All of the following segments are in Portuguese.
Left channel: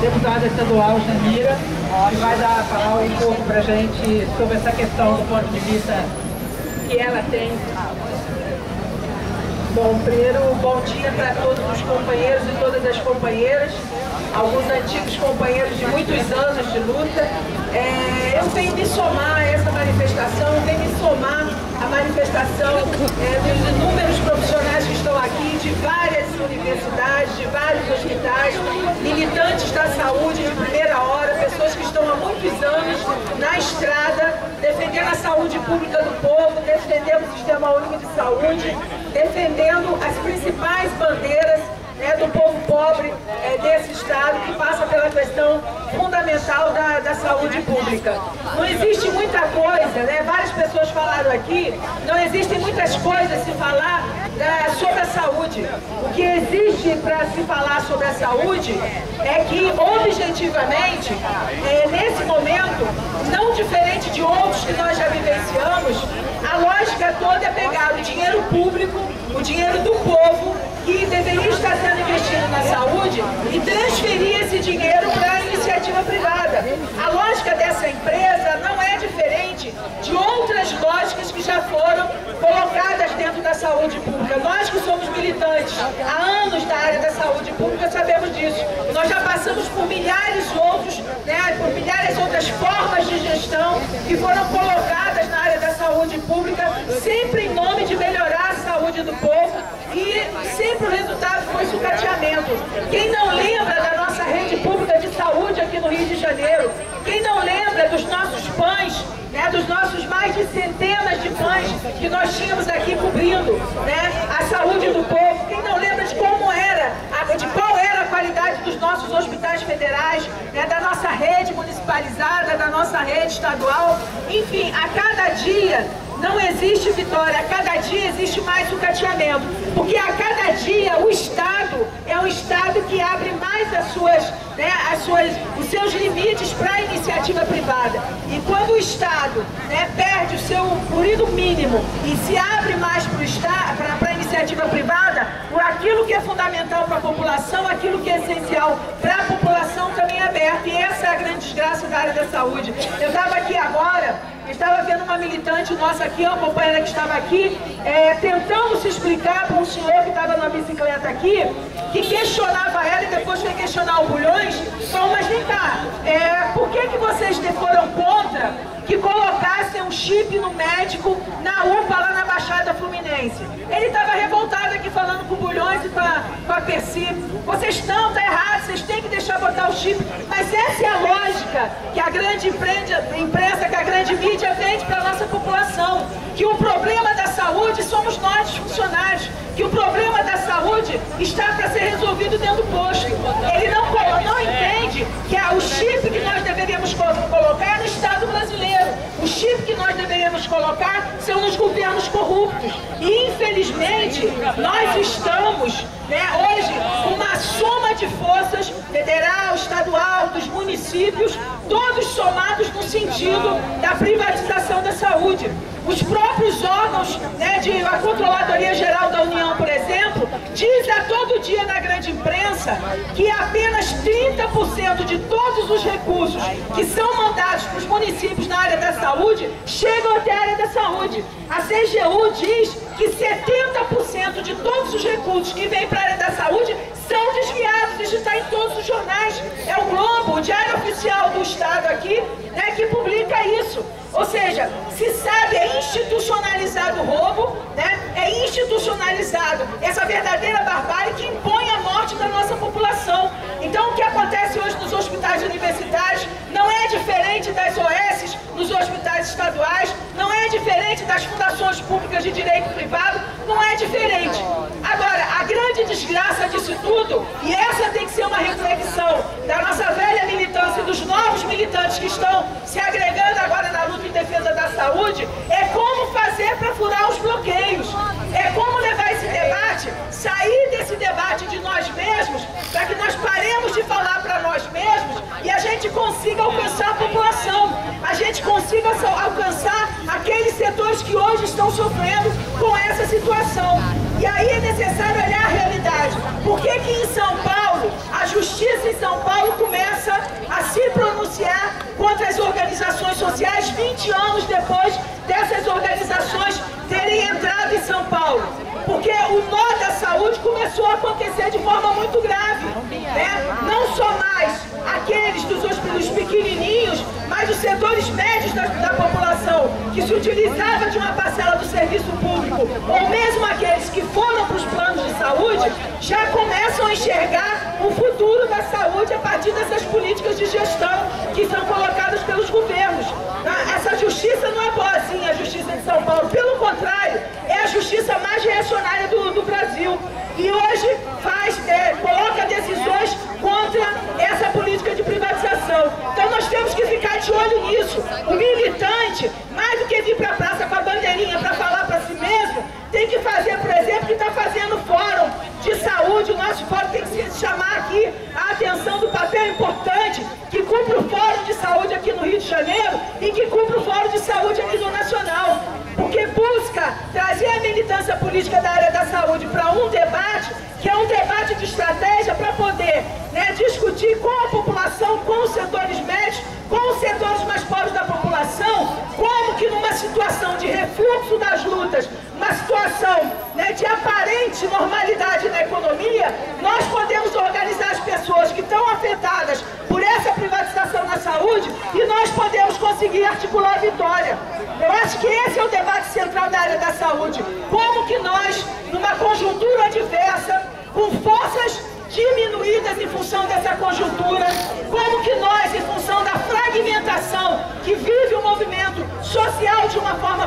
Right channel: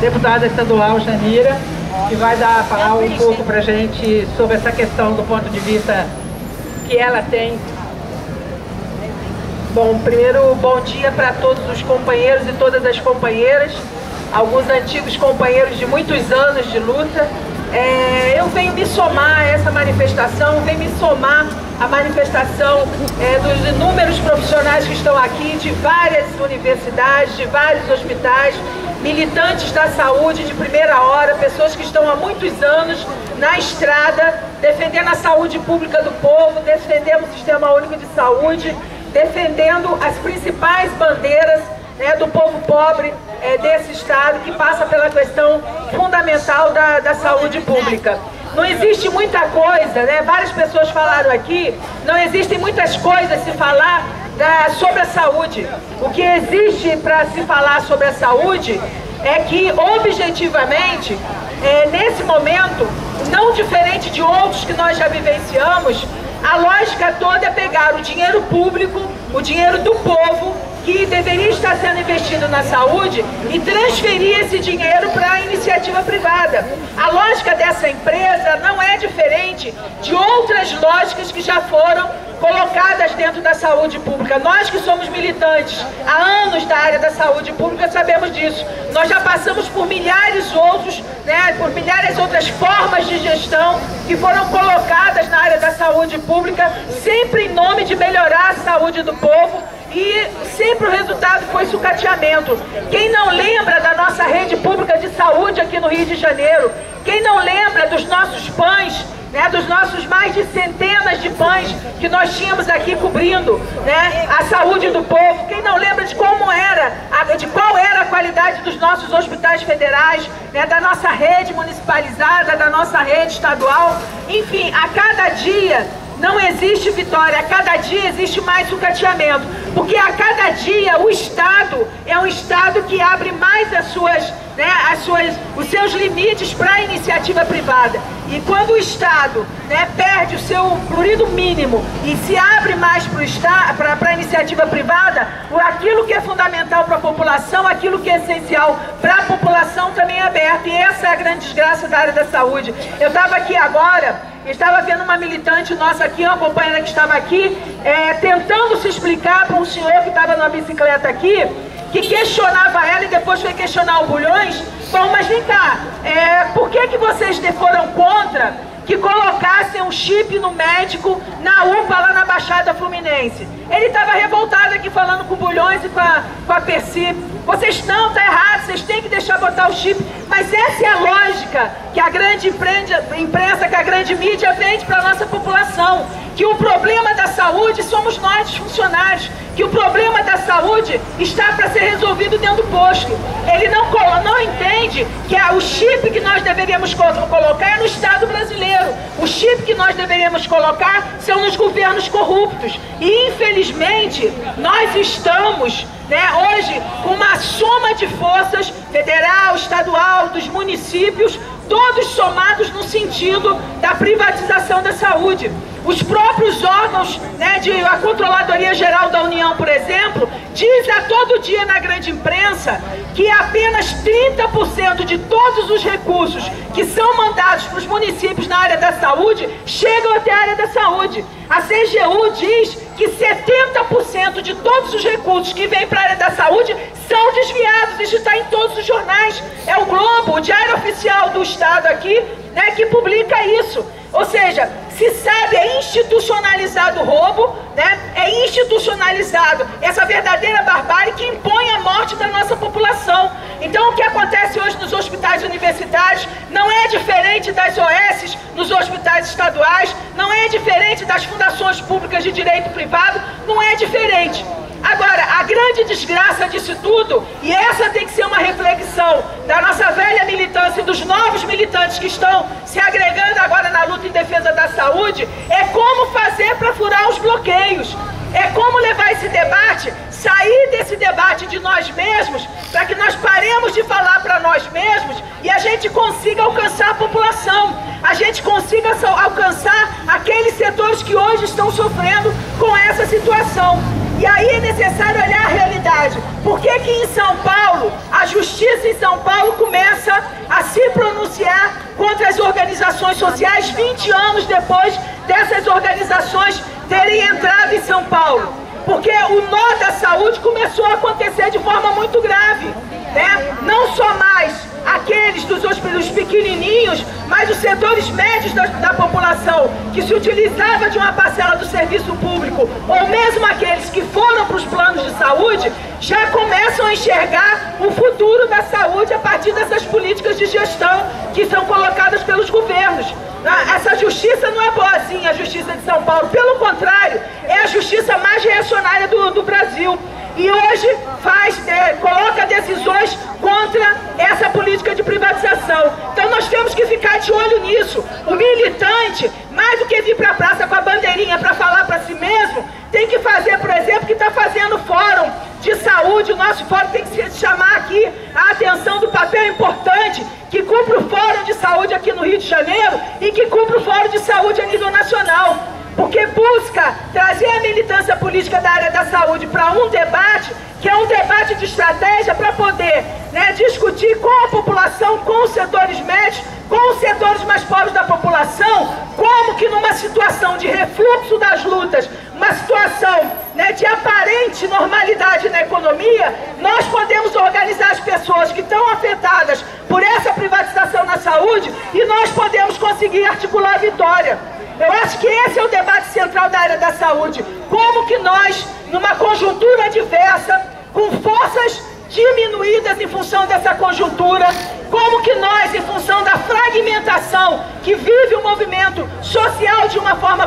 deputada estadual Janira, que vai falar um pouco para a gente sobre essa questão do ponto de vista que ela tem. Bom, primeiro, bom dia para todos os companheiros e todas as companheiras, alguns antigos companheiros de muitos anos de luta. Eu venho me somar a essa manifestação, venho me somar à manifestação dos inúmeros profissionais que estão aqui, de várias universidades, de vários hospitais, militantes da saúde de primeira hora, pessoas que estão há muitos anos na estrada, defendendo a saúde pública do povo, defendendo o Sistema Único de Saúde, defendendo as principais bandeiras do povo pobre desse estado, que passa pela questão fundamental da saúde pública. Não existe muita coisa, várias pessoas falaram aqui, não existem muitas coisas a se falar sobre a saúde. O que existe para se falar sobre a saúde é que, objetivamente, nesse momento, não diferente de outros que nós já vivenciamos, a lógica toda é pegar o dinheiro público, o dinheiro do povo, que deveria estar sendo investido na saúde, e transferir esse dinheiro para a iniciativa privada. A lógica dessa empresa não é diferente de outras lógicas que já foram colocadas dentro da saúde pública. Nós que somos militantes há anos da área da saúde pública sabemos disso. Nós já passamos por milhares outras formas de gestão que foram colocadas na área da saúde pública, sempre em nome de melhorar a saúde do povo, e sempre o resultado foi sucateamento. Quem não lembra da nossa rede pública de saúde aqui no Rio de Janeiro? Quem não lembra dos nossos pães, dos nossos mais de centenas de pães que nós tínhamos aqui cobrindo a saúde do povo? Quem não lembra de como era, de qual era a qualidade dos nossos hospitais federais, da nossa rede municipalizada, da nossa rede estadual? Enfim, a cada dia não existe vitória, a cada dia existe mais sucateamento, porque a cada dia o Estado é um Estado que abre mais os seus limites para a iniciativa privada. E quando o Estado perde o seu florido mínimo e se abre mais para a iniciativa privada, aquilo que é fundamental para a população, aquilo que é essencial para a população também é aberto. E essa é a grande desgraça da área da saúde. Eu estava aqui agora, estava vendo uma militante nossa aqui, uma companheira que estava aqui, tentando se explicar para um senhor que estava numa bicicleta aqui, que questionava ela e depois foi questionar o Bulhões. Bom, mas vem cá, por que vocês foram contra que colocassem um chip no médico na UPA lá na Baixada Fluminense? Ele estava revoltado aqui falando com o Bulhões e com a Percy. Vocês não, tá errado, vocês têm que deixar botar o chip. Mas essa é a lógica que a grande imprensa, que a grande mídia vende para a nossa população. Que o problema da saúde somos nós, os funcionários. Que o problema da saúde está para ser resolvido dentro do posto. Ele não entende que o chip que nós deveríamos colocar é no Estado brasileiro. O chip que nós deveríamos colocar são nos governos corruptos. E, infelizmente, nós estamos hoje com uma soma de forças, federal, estadual, dos municípios, todos somados no sentido da privatização da saúde. Os próprios órgãos a Controladoria Geral da União, por exemplo, diz a todo dia na grande imprensa que apenas 30% de todos os recursos que são mandados para os municípios na área da saúde chegam até a área da saúde. A CGU diz que 70% de todos os recursos que vêm para a área da saúde são desviados. Isso está em todos os jornais. É o Globo, o Diário Oficial do Estado aqui, que publica isso. Ou seja, se sabe, é institucionalizado o roubo, é institucionalizado essa verdadeira barbárie que impõe a morte da nossa população. Então, o que acontece hoje nos hospitais universitários não é diferente das OS nos hospitais estaduais, não é diferente das fundações públicas de direito privado, não é diferente. Agora, a grande desgraça disso tudo, e essa tem que ser uma reflexão da nossa velha militância e dos novos militantes que estão se agregando agora na luta em defesa da saúde, é como fazer para furar os bloqueios. É como levar esse debate, sair desse debate de nós mesmos, para que nós paremos de falar para nós mesmos e a gente consiga alcançar a população, a gente consiga alcançar aqueles setores que hoje estão sofrendo com essa situação. E aí é necessário olhar a realidade. Por que que em São Paulo, a justiça em São Paulo começa 20 anos depois dessas organizações terem entrado em São Paulo. Porque o nó da saúde começou a acontecer de forma muito grave, né? Não só mais aqueles dos pequenininhos, mas os setores médios da população que se utilizava de uma parcela do serviço público, ou mesmo aqueles que foram para os planos de saúde, já começam a enxergar o futuro da saúde a partir dessas políticas de gestão que são colocadas pelos governos. Essa justiça não é boazinha, a justiça de São Paulo, pelo contrário, é a justiça mais reacionária do Brasil. E hoje coloca decisões contra essa política de privatização. Então nós temos que ficar de olho nisso. O militante, mais do que vir para a praça com a bandeirinha para falar para si mesmo, tem que fazer, por exemplo, que está fazendo fórum de saúde. O nosso fórum tem que chamar aqui a atenção do papel importante que cumpre o Fórum de Saúde aqui no Rio de Janeiro e que cumpre o Fórum de Saúde a nível nacional. Porque busca trazer a militância política da área da saúde para um debate, que é um debate de estratégia para poder, né, discutir com a população, com os setores médios, com os setores mais pobres da população, como que numa situação de refluxo das lutas, uma situação, né, de aparente normalidade na economia, nós podemos organizar as pessoas que estão afetadas por essa privatização na saúde e nós podemos conseguir articular a vitória. Eu acho que esse é o debate central da área da saúde. Como que nós, numa conjuntura adversa, com forças diminuídas em função dessa conjuntura, como que nós, em função da fragmentação que vive o movimento social de uma forma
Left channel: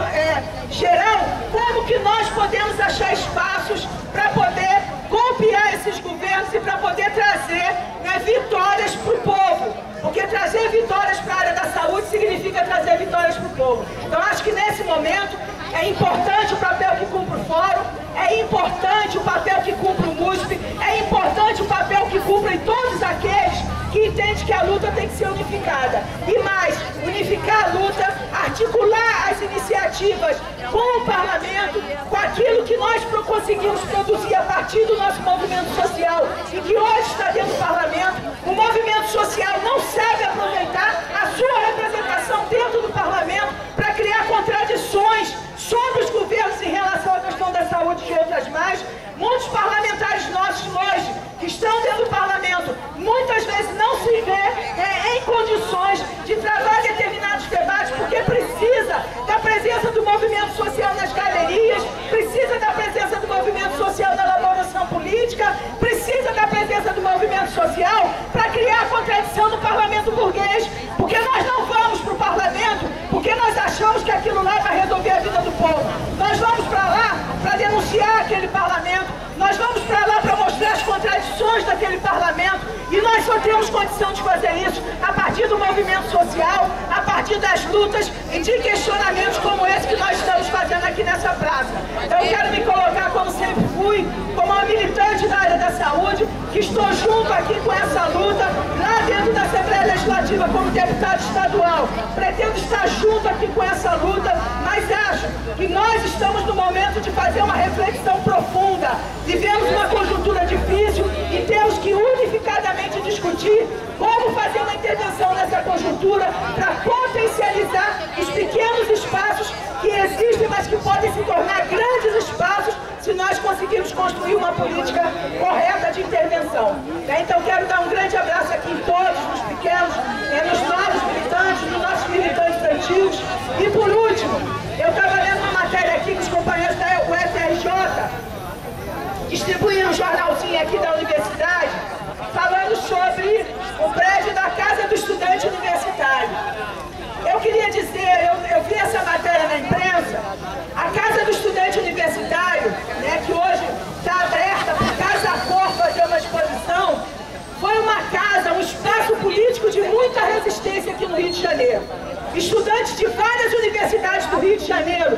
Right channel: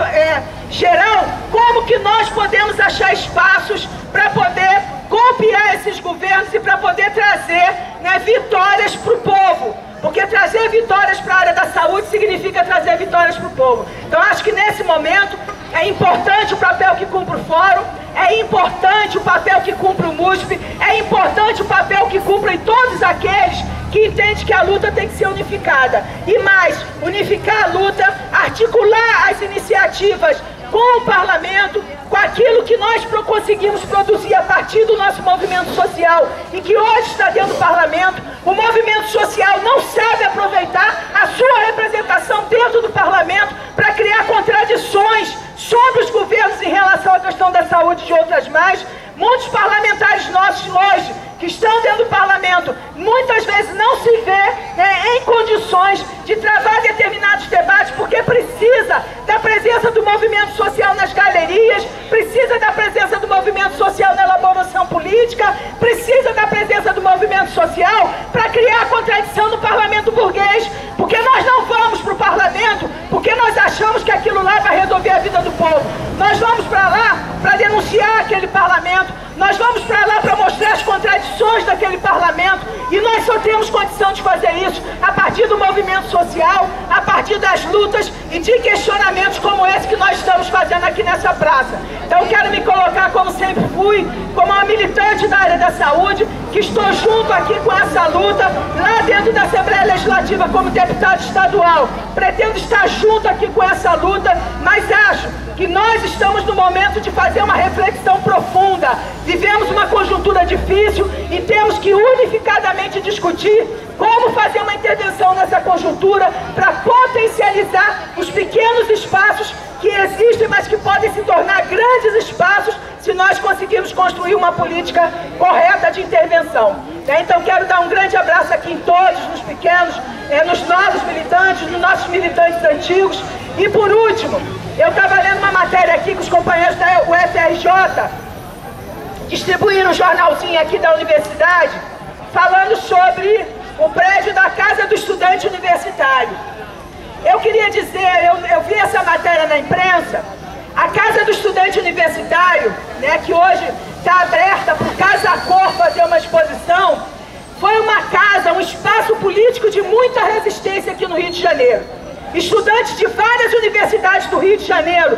geral, como que nós podemos achar espaços para poder golpear esses governos e para poder trazer, né, vitórias para o povo. Porque trazer vitórias para a área da saúde significa trazer vitórias para o povo. Então acho que nesse momento é importante o papel que cumpre o Fórum, é importante o papel que cumpre o MUSP, é importante o papel que cumprem todos aqueles que entendem que a luta tem que ser unificada. E mais, unificar a luta, articular as iniciativas com o parlamento, com aquilo que nós conseguimos produzir a partir do nosso movimento social e que hoje está dentro do parlamento. O movimento social não sabe aproveitar a sua representação dentro do parlamento para criar contradições sobre os governos em relação à questão da saúde e de outras mais. Muitos parlamentares nossos hoje, que estão dentro do parlamento, muitas vezes não se vê em condições de travar determinados debates, porque precisa da presença do movimento social nas galerias, precisa da presença do movimento social na elaboração política, precisa da presença do movimento social para criar a contradição no parlamento burguês, porque nós não vamos para o parlamento porque nós achamos que aquilo lá vai resolver a vida do povo. Nós vamos para lá para denunciar aquele parlamento, nós vamos para lá para mostrar as contradições daquele parlamento, e nós só temos condição de fazer isso a partir do movimento social, a partir das lutas e de questionamentos como esse que nós estamos fazendo aqui nessa praça. Então eu quero me colocar, como sempre fui, como uma militante da área da saúde, que estou junto aqui com essa luta, lá dentro da Assembleia Legislativa como deputado estadual. Pretendo estar junto aqui com essa luta, mas acho que nós estamos no momento de fazer uma reflexão profunda. Vivemos uma conjuntura difícil e temos que unificadamente discutir como fazer uma intervenção nessa conjuntura para potencializar os pequenos espaços que existem, mas que podem se tornar grandes espaços se nós conseguirmos construir uma política correta de intervenção. Então quero dar um grande abraço aqui em todos, nos pequenos, nos novos militantes, nos nossos militantes antigos. E por último, eu estava lendo uma matéria aqui que os companheiros da UFRJ distribuíram um jornalzinho aqui da universidade, falando sobre o prédio da Casa do Estudante Universitário. Eu queria dizer, eu vi essa matéria na imprensa, a Casa do Estudante Universitário, né, que hoje está aberta por Casa Cor fazer uma exposição, foi uma casa, um espaço político de muita resistência aqui no Rio de Janeiro. Estudantes de várias universidades do Rio de Janeiro,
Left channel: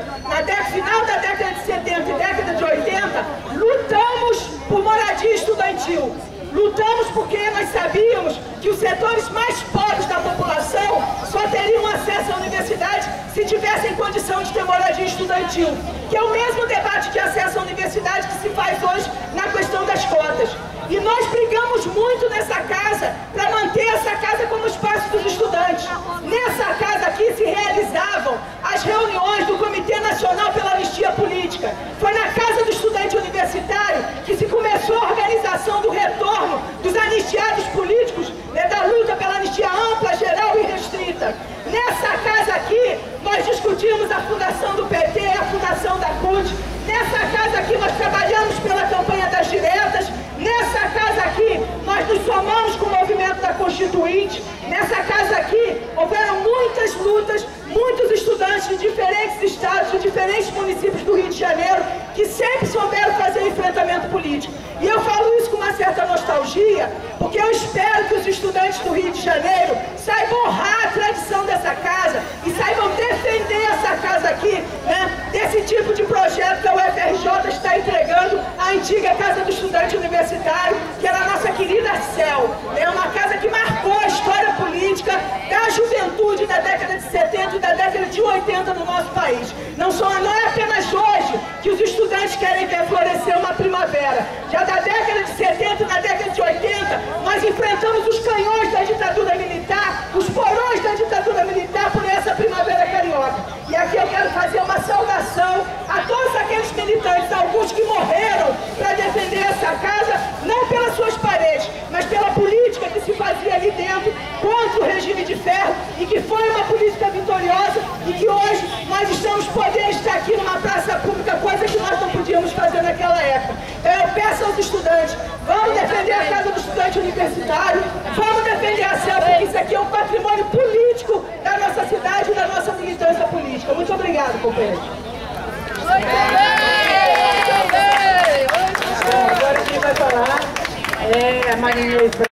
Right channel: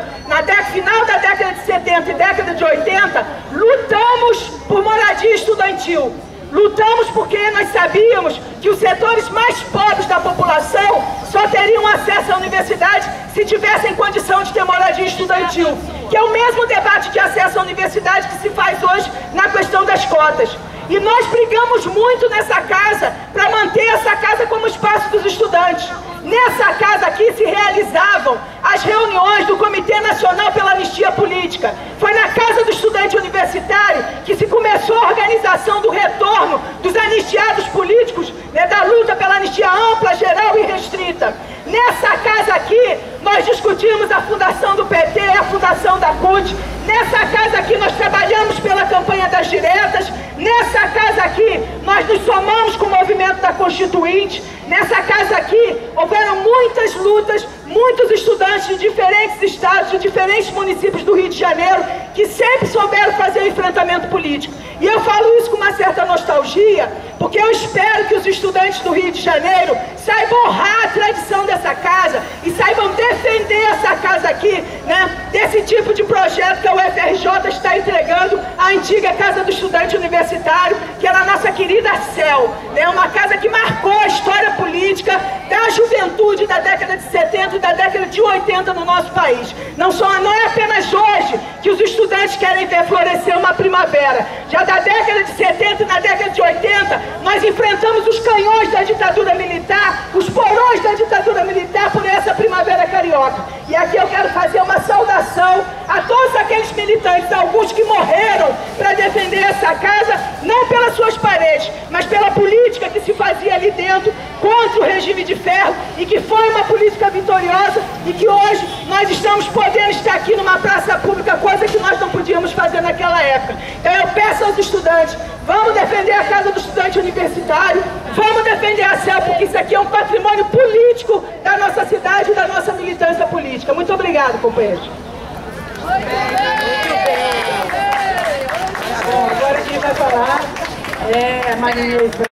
final da década de 70 e década de 80, lutamos por moradia estudantil. Lutamos porque nós sabíamos que os setores mais pobres da população só teriam acesso à universidade se tivessem condição de ter moradia estudantil, que é o mesmo debate de acesso à universidade que se faz hoje na questão das cotas. E nós brigamos muito nessa casa para manter essa casa como espaço dos estudantes. Nessa casa aqui se realizava Constituinte. Nessa casa aqui houveram muitas lutas, muitos estudantes de diferentes estados, de diferentes municípios do Rio de Janeiro, que sempre souberam fazer o enfrentamento político. E eu falo isso com uma certa nostalgia, porque eu espero que os estudantes do Rio de Janeiro saibam honrar a tradição dessa casa e saibam defender essa casa aqui, né, desse tipo de projeto que a UFRJ está entregando à antiga Casa do Estudante Universitário, que era a nossa querida CEL, né, uma casa que marcou a história política da juventude da década de 70 e da década de 80 no nosso país. Não é apenas hoje que os estudantes querem ver florescer uma primavera. Já da década de 70 e na década de 80, nós enfrentamos os canhões da ditadura militar, os porões da ditadura militar por essa primavera carioca. E aqui eu quero fazer uma saudação a todos aqueles militantes, alguns que morreram para defender essa casa, não pelas suas paredes, mas pela política que se fazia ali dentro contra o regime de ferro, e que foi uma política vitoriosa, e que hoje nós estamos podendo estar aqui numa praça pública, coisa que nós não podíamos fazer naquela época. Então eu peço aos estudantes, vamos defender a Casa do Estudante Universitário, vamos defender a CEL, porque isso aqui é um patrimônio político da nossa cidade e da nossa militância política. Muito obrigado, companheiros. Agora quem vai falar é a Maria